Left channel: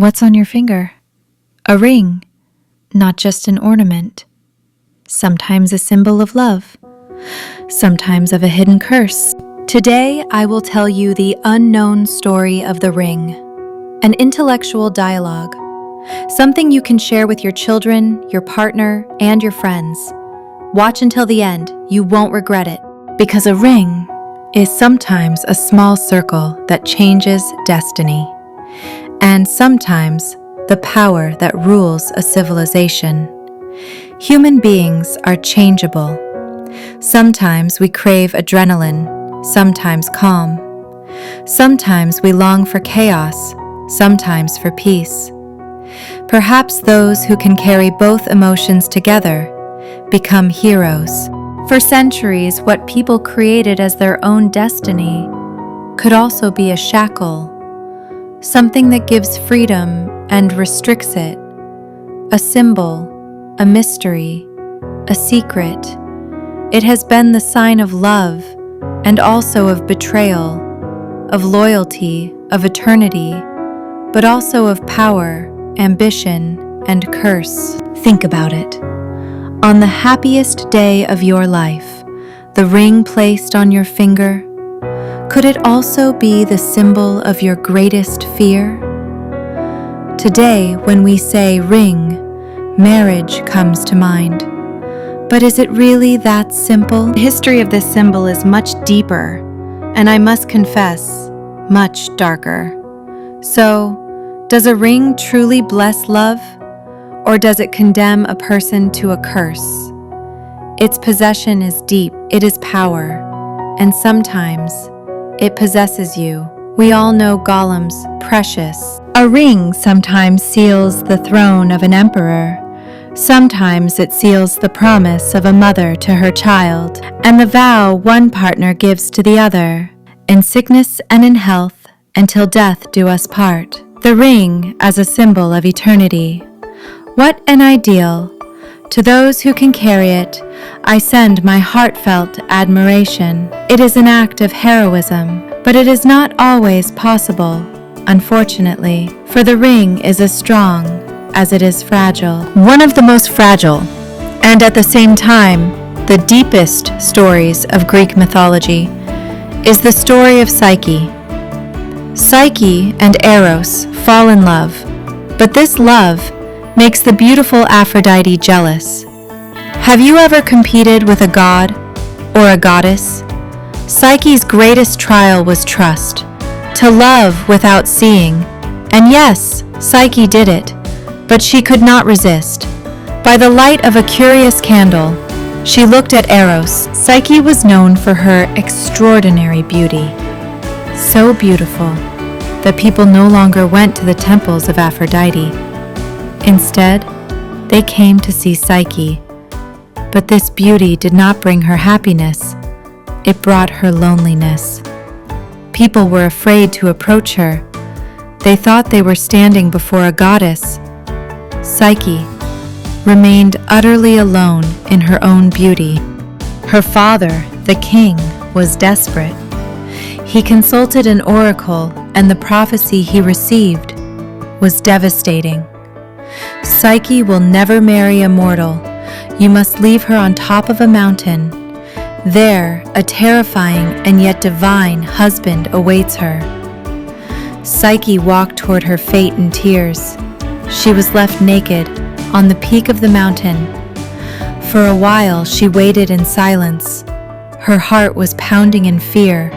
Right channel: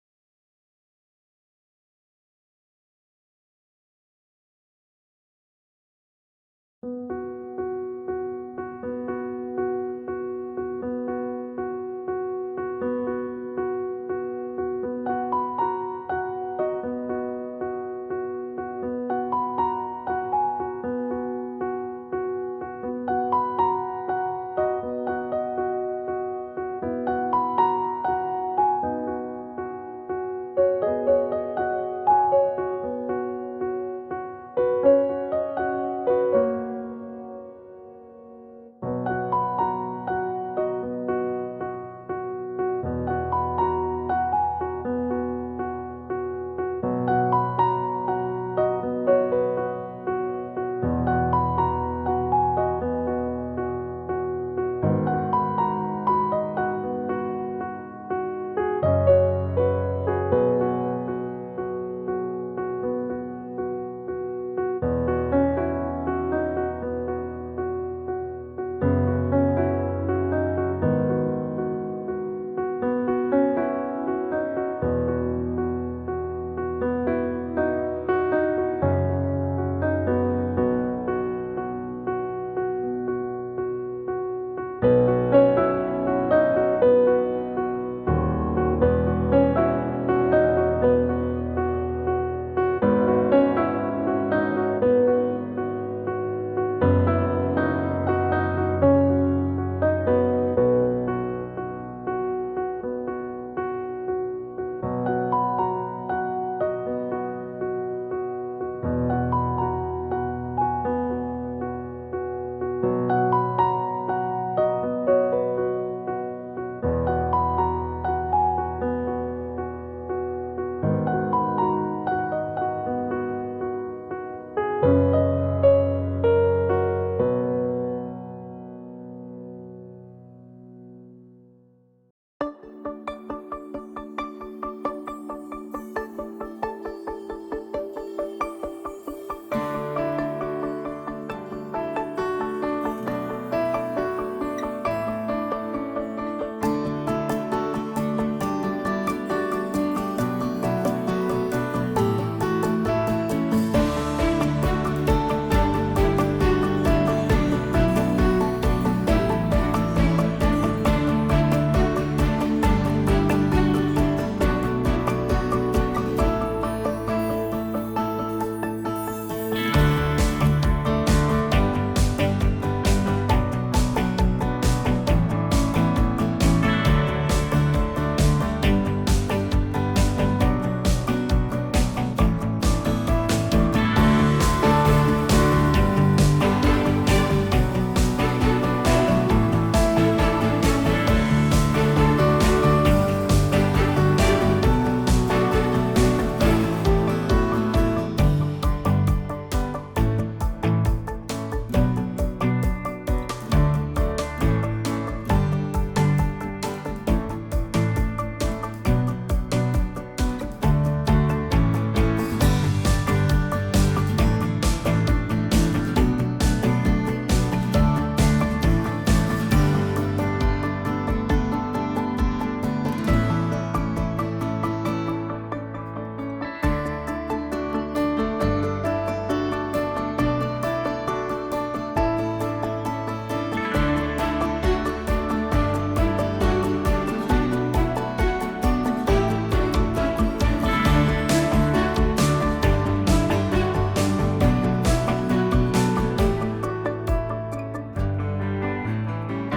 What's on your finger? A ring, not just an ornament. Sometimes a symbol of love, sometimes of a hidden curse. Today, I will tell you the unknown story of the ring, an intellectual dialogue, something you can share with your children, your partner, and your friends. Watch until the end, you won't regret it, because a ring is sometimes a small circle that changes destiny, and sometimes the power that rules a civilization. Human beings are changeable. Sometimes we crave adrenaline, sometimes calm. Sometimes we long for chaos, sometimes for peace. Perhaps those who can carry both emotions together become heroes. For centuries, what people created as their own destiny could also be a shackle, something that gives freedom and restricts it, a symbol, a mystery, a secret. It has been the sign of love and also of betrayal, of loyalty, of eternity, but also of power, ambition, and curse. Think about it. On the happiest day of your life, the ring placed on your finger, could it also be the symbol of your greatest fear? Today, when we say ring, marriage comes to mind. But is it really that simple? The history of this symbol is much deeper, and I must confess, much darker. So, does a ring truly bless love, or does it condemn a person to a curse? Its possession is deep, it is power, and sometimes it possesses you. We all know Gollum's precious. A ring sometimes seals the throne of an emperor. Sometimes it seals the promise of a mother to her child, and the vow one partner gives to the other, in sickness and in health, until death do us part. The ring as a symbol of eternity. What an ideal! To those who can carry it, I send my heartfelt admiration. It is an act of heroism, but it is not always possible, unfortunately, for the ring is as strong as it is fragile. One of the most fragile, and at the same time, the deepest stories of Greek mythology is the story of Psyche. Psyche and Eros fall in love, but this love makes the beautiful Aphrodite jealous. Have you ever competed with a god or a goddess? Psyche's greatest trial was trust, to love without seeing. And yes, Psyche did it, but she could not resist. By the light of a curious candle, she looked at Eros. Psyche was known for her extraordinary beauty, so beautiful that people no longer went to the temples of Aphrodite. Instead, they came to see Psyche. But this beauty did not bring her happiness. It brought her loneliness. People were afraid to approach her. They thought they were standing before a goddess. Psyche remained utterly alone in her own beauty. Her father, the king, was desperate. He consulted an oracle, and the prophecy he received was devastating. Psyche will never marry a mortal. You must leave her on top of a mountain. There, a terrifying and yet divine husband awaits her. Psyche walked toward her fate in tears. She was left naked on the peak of the mountain. For a while, she waited in silence. Her heart was pounding in fear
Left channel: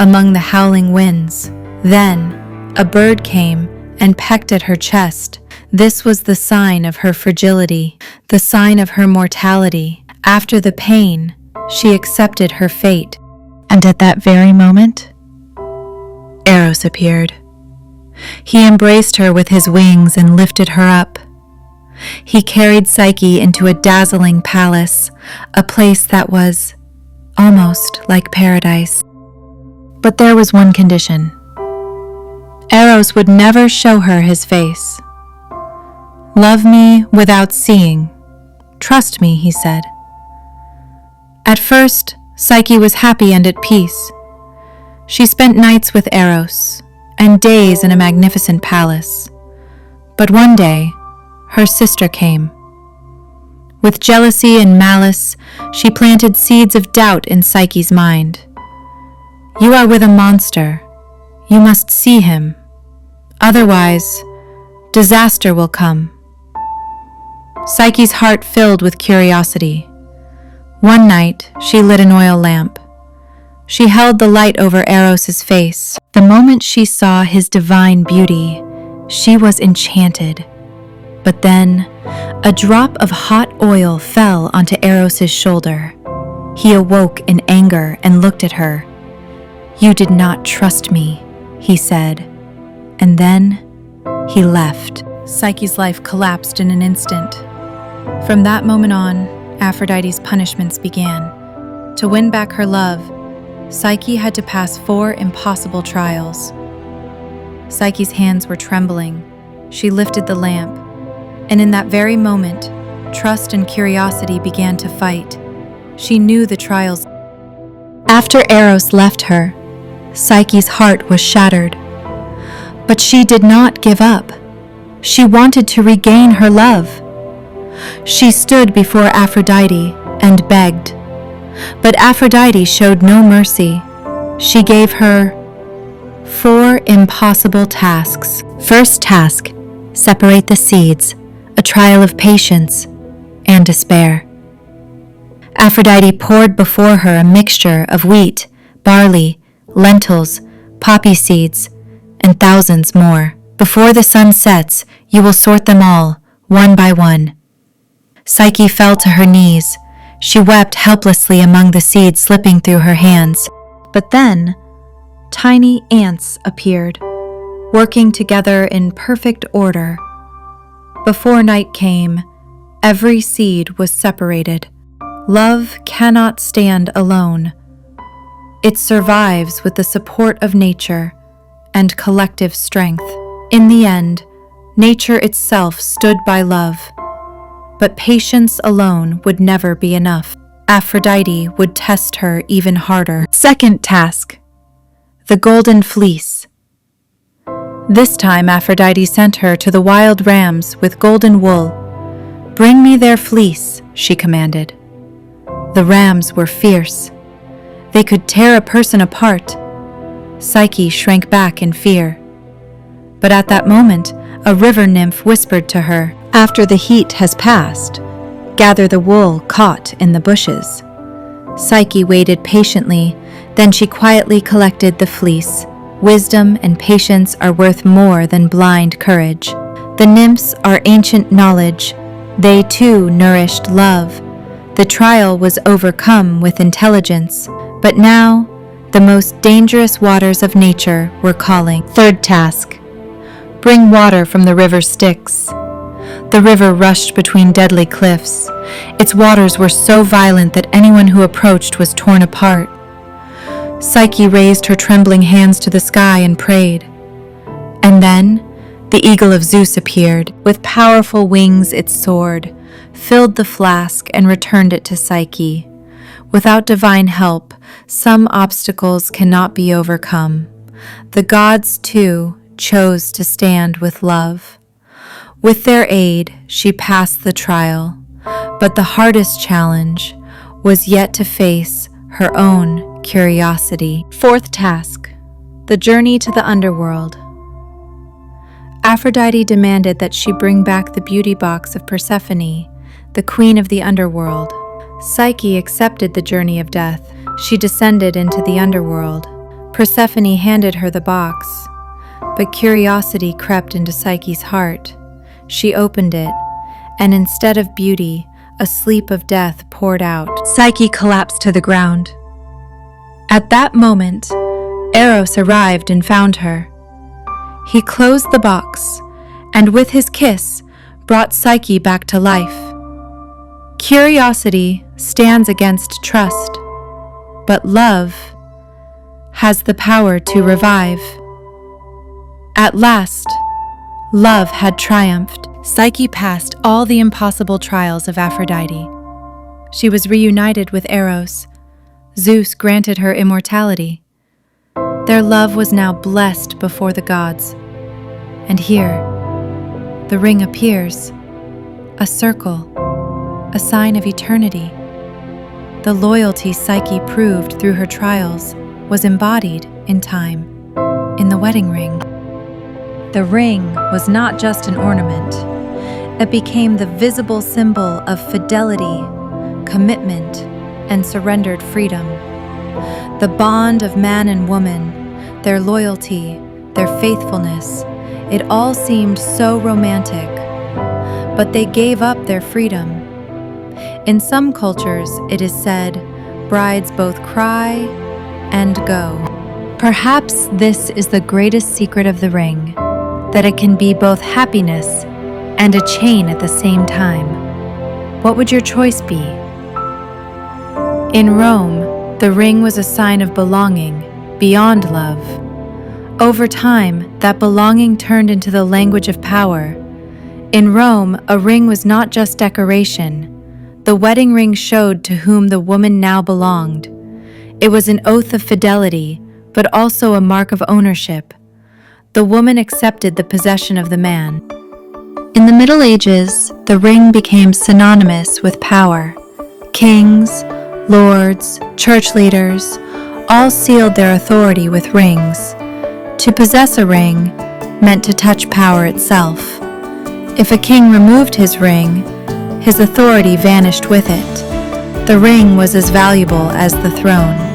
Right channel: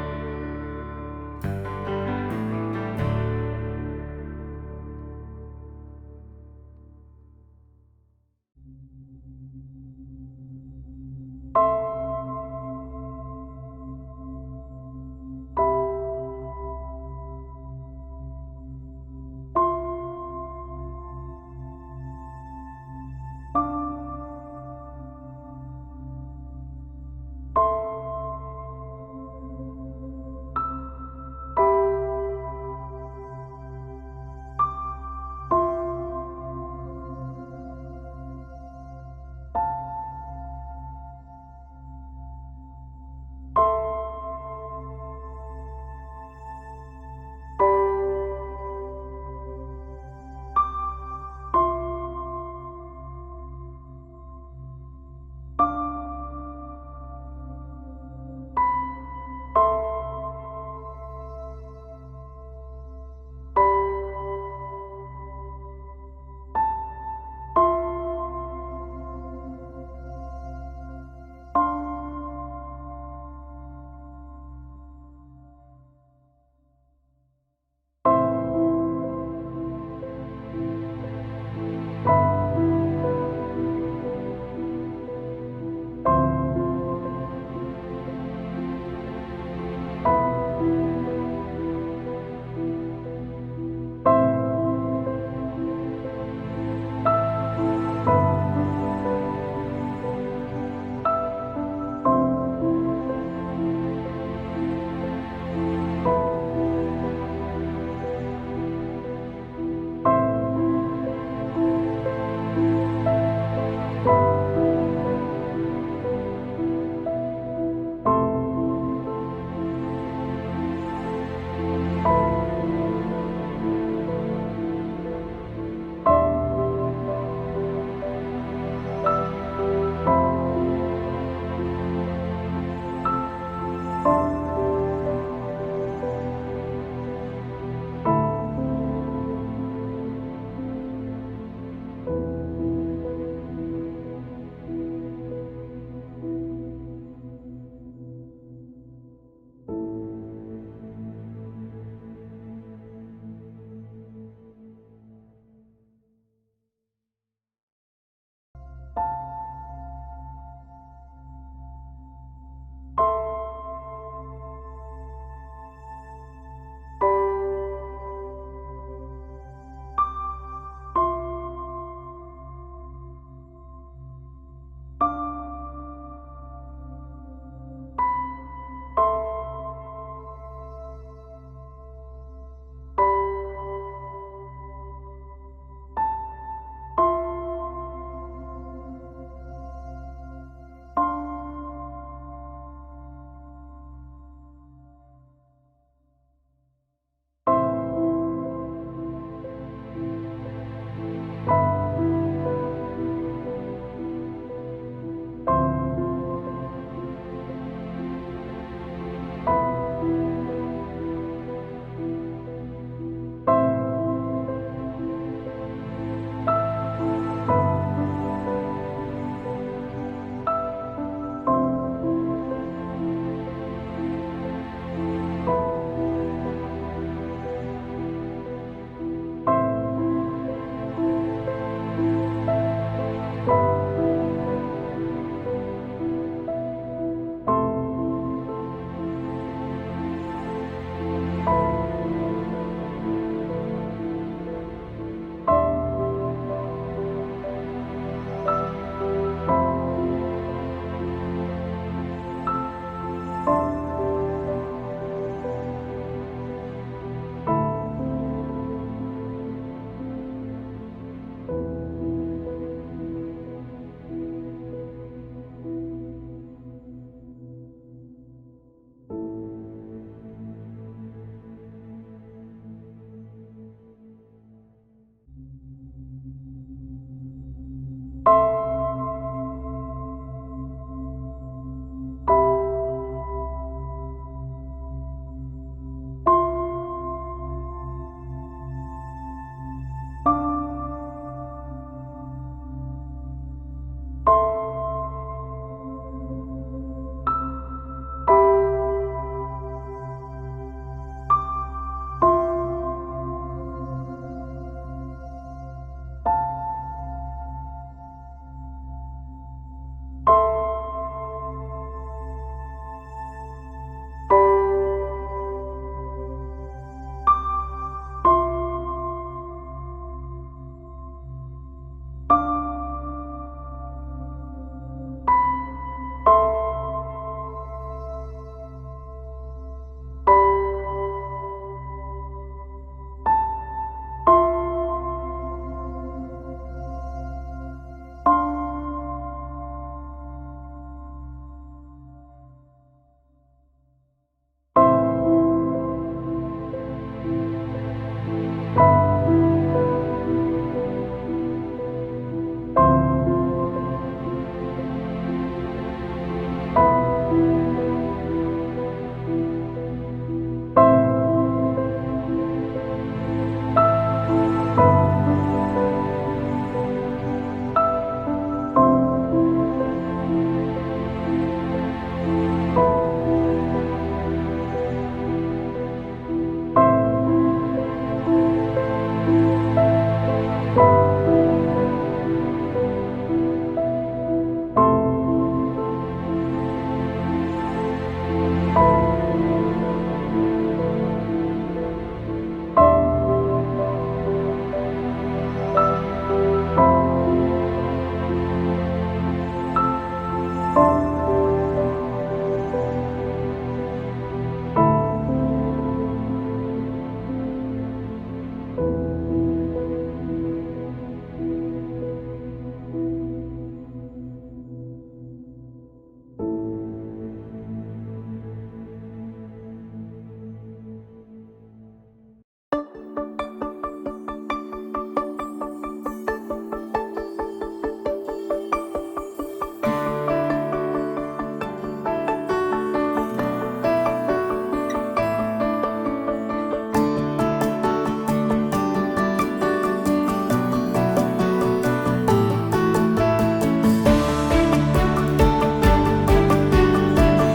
among the howling winds. Then, a bird came and pecked at her chest. This was the sign of her fragility, the sign of her mortality. After the pain, she accepted her fate. And at that very moment, Eros appeared. He embraced her with his wings and lifted her up. He carried Psyche into a dazzling palace, a place that was almost like paradise. But there was one condition. Eros would never show her his face. "Love me without seeing. Trust me," he said. At first, Psyche was happy and at peace. She spent nights with Eros and days in a magnificent palace. But one day, her sister came. With jealousy and malice, she planted seeds of doubt in Psyche's mind. "You are with a monster. You must see him. Otherwise, disaster will come." Psyche's heart filled with curiosity. One night, she lit an oil lamp. She held the light over Eros's face. The moment she saw his divine beauty, she was enchanted. But then, a drop of hot oil fell onto Eros's shoulder. He awoke in anger and looked at her. "You did not trust me," he said. And then, he left. Psyche's life collapsed in an instant. From that moment on, Aphrodite's punishments began. To win back her love, Psyche had to pass 4 impossible trials. Psyche's hands were trembling. She lifted the lamp, and in that very moment, trust and curiosity began to fight. She knew the trials. After Eros left her, Psyche's heart was shattered. But she did not give up. She wanted to regain her love. She stood before Aphrodite and begged. But Aphrodite showed no mercy. She gave her 4 impossible tasks. First task, separate the seeds, a trial of patience and despair. Aphrodite poured before her a mixture of wheat, barley, lentils, poppy seeds, and thousands more. Before the sun sets, you will sort them all, one by one. Psyche fell to her knees. She wept helplessly among the seeds slipping through her hands. But then, tiny ants appeared, working together in perfect order. Before night came, every seed was separated. Love cannot stand alone. It survives with the support of nature and collective strength. In the end, nature itself stood by love. But patience alone would never be enough. Aphrodite would test her even harder. Second task, the golden fleece. This time Aphrodite sent her to the wild rams with golden wool. "Bring me their fleece," she commanded. The rams were fierce. They could tear a person apart. Psyche shrank back in fear. But at that moment, a river nymph whispered to her, "After the heat has passed, gather the wool caught in the bushes." Psyche waited patiently, then she quietly collected the fleece. Wisdom and patience are worth more than blind courage. The nymphs are ancient knowledge. They too nourished love. The trial was overcome with intelligence, but now the most dangerous waters of nature were calling. Third task, bring water from the River Styx. The river rushed between deadly cliffs. Its waters were so violent that anyone who approached was torn apart. Psyche raised her trembling hands to the sky and prayed. And then the eagle of Zeus appeared. With powerful wings it soared, filled the flask, and returned it to Psyche. Without divine help, some obstacles cannot be overcome. The gods, too, chose to stand with love. With their aid, she passed the trial, but the hardest challenge was yet to face her own curiosity. Fourth task, the journey to the underworld. Aphrodite demanded that she bring back the beauty box of Persephone, the queen of the underworld. Psyche accepted the journey of death. She descended into the underworld. Persephone handed her the box, but curiosity crept into Psyche's heart. She opened it, and instead of beauty, a sleep of death poured out. Psyche collapsed to the ground. At that moment, Eros arrived and found her. He closed the box, and with his kiss, brought Psyche back to life. Curiosity stands against trust, but love has the power to revive. At last, love had triumphed. Psyche passed all the impossible trials of Aphrodite. She was reunited with Eros. Zeus granted her immortality. Their love was now blessed before the gods. And here, the ring appears, a circle, a sign of eternity. The loyalty Psyche proved through her trials was embodied in time, in the wedding ring. The ring was not just an ornament. It became the visible symbol of fidelity, commitment, and surrendered freedom. The bond of man and woman, their loyalty, their faithfulness, it all seemed so romantic. But they gave up their freedom. In some cultures, it is said, brides both cry and go. Perhaps this is the greatest secret of the ring, that it can be both happiness and a chain at the same time. What would your choice be? In Rome, the ring was a sign of belonging, beyond love. Over time, that belonging turned into the language of power. In Rome, a ring was not just decoration. The wedding ring showed to whom the woman now belonged. It was an oath of fidelity, but also a mark of ownership. The woman accepted the possession of the man. In the Middle Ages, the ring became synonymous with power. Kings, lords, church leaders, all sealed their authority with rings. To possess a ring meant to touch power itself. If a king removed his ring, his authority vanished with it. The ring was as valuable as the throne.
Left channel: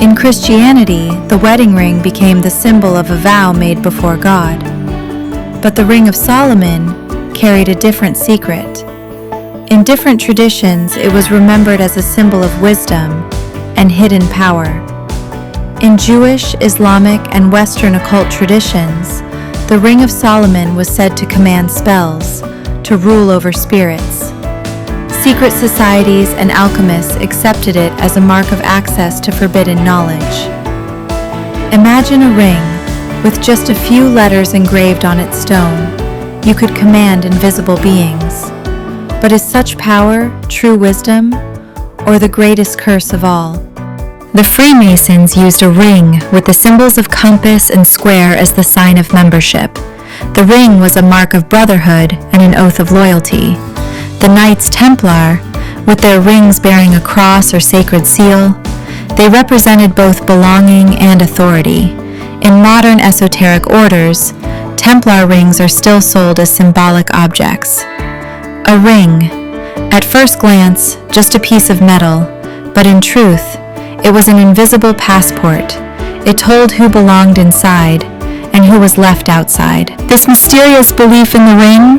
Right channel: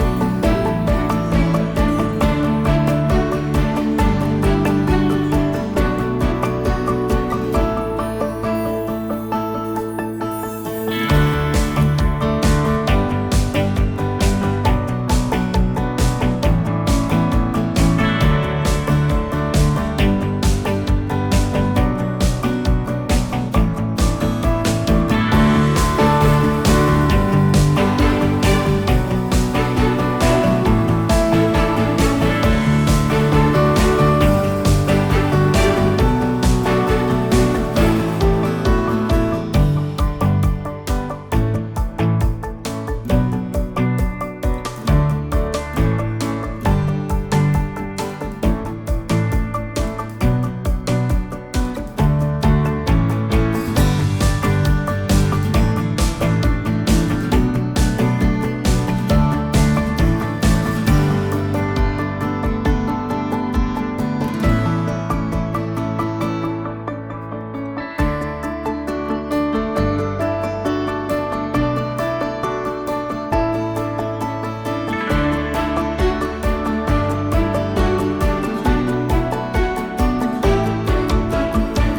In Christianity, the wedding ring became the symbol of a vow made before God. But the Ring of Solomon carried a different secret. In different traditions, it was remembered as a symbol of wisdom and hidden power. In Jewish, Islamic, and Western occult traditions, the Ring of Solomon was said to command spells, to rule over spirits. Secret societies and alchemists accepted it as a mark of access to forbidden knowledge. Imagine a ring with just a few letters engraved on its stone. You could command invisible beings. But is such power true wisdom, or the greatest curse of all? The Freemasons used a ring with the symbols of compass and square as the sign of membership. The ring was a mark of brotherhood and an oath of loyalty. The Knights Templar, with their rings bearing a cross or sacred seal, they represented both belonging and authority. In modern esoteric orders, Templar rings are still sold as symbolic objects. A ring, at first glance, just a piece of metal, but in truth, it was an invisible passport. It told who belonged inside and who was left outside. This mysterious belief in the ring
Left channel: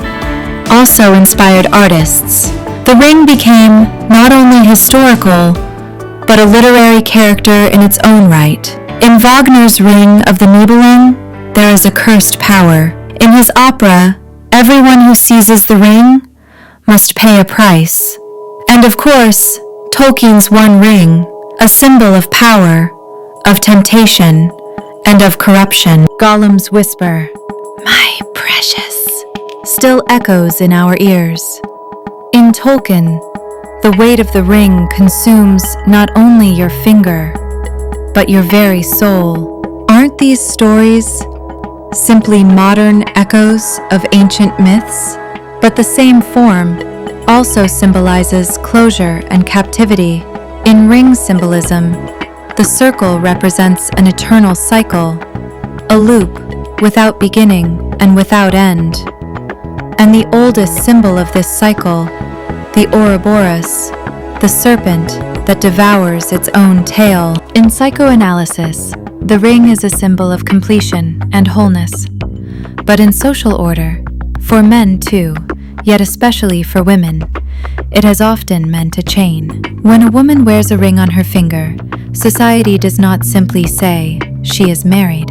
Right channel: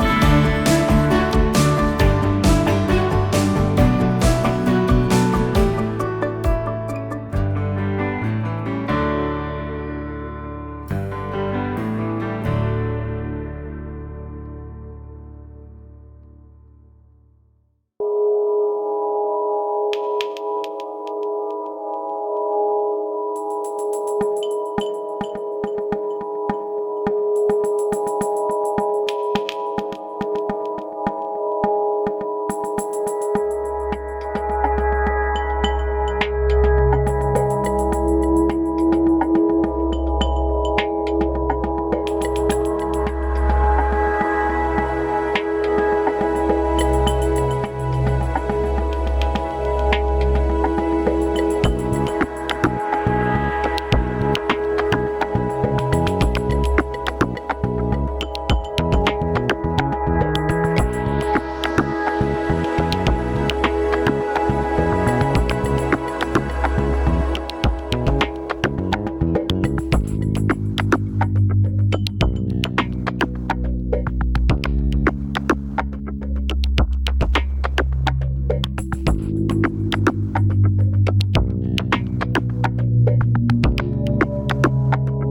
also inspired artists. The ring became not only historical, but a literary character in its own right. In Wagner's Ring of the Nibelung, there is a cursed power. In his opera, everyone who seizes the ring must pay a price. And of course, Tolkien's One Ring, a symbol of power, of temptation, and of corruption. Gollum's whisper, "My precious," still echoes in our ears. In Tolkien, the weight of the ring consumes not only your finger, but your very soul. Aren't these stories simply modern echoes of ancient myths? But the same form also symbolizes closure and captivity. In ring symbolism, the circle represents an eternal cycle, a loop without beginning and without end. And the oldest symbol of this cycle, the Ouroboros, the serpent that devours its own tail. In psychoanalysis, the ring is a symbol of completion and wholeness. But in social order, for men too, yet especially for women, it has often meant a chain. When a woman wears a ring on her finger, society does not simply say, she is married.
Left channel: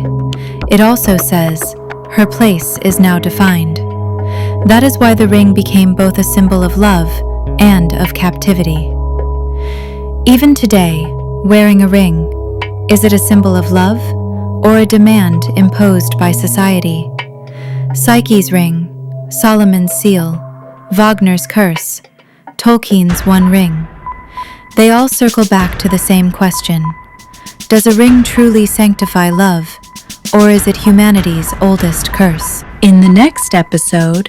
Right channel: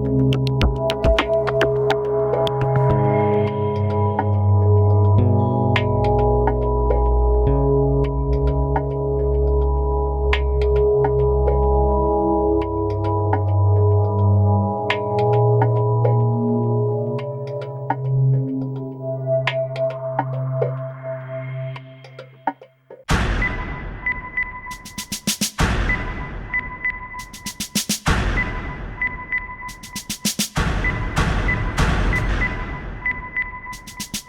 It also says, her place is now defined. That is why the ring became both a symbol of love and of captivity. Even today, wearing a ring, is it a symbol of love or a demand imposed by society? Psyche's ring, Solomon's seal, Wagner's curse, Tolkien's One Ring. They all circle back to the same question. Does a ring truly sanctify love, or is it humanity's oldest curse? In the next episode,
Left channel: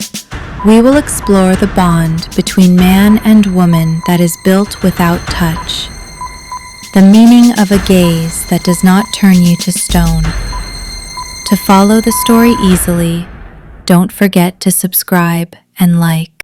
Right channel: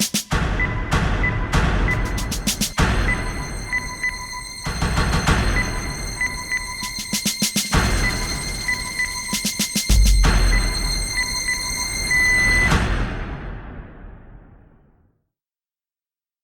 we will explore the bond between man and woman that is built without touch, the meaning of a gaze that does not turn you to stone. To follow the story easily, don't forget to subscribe and like.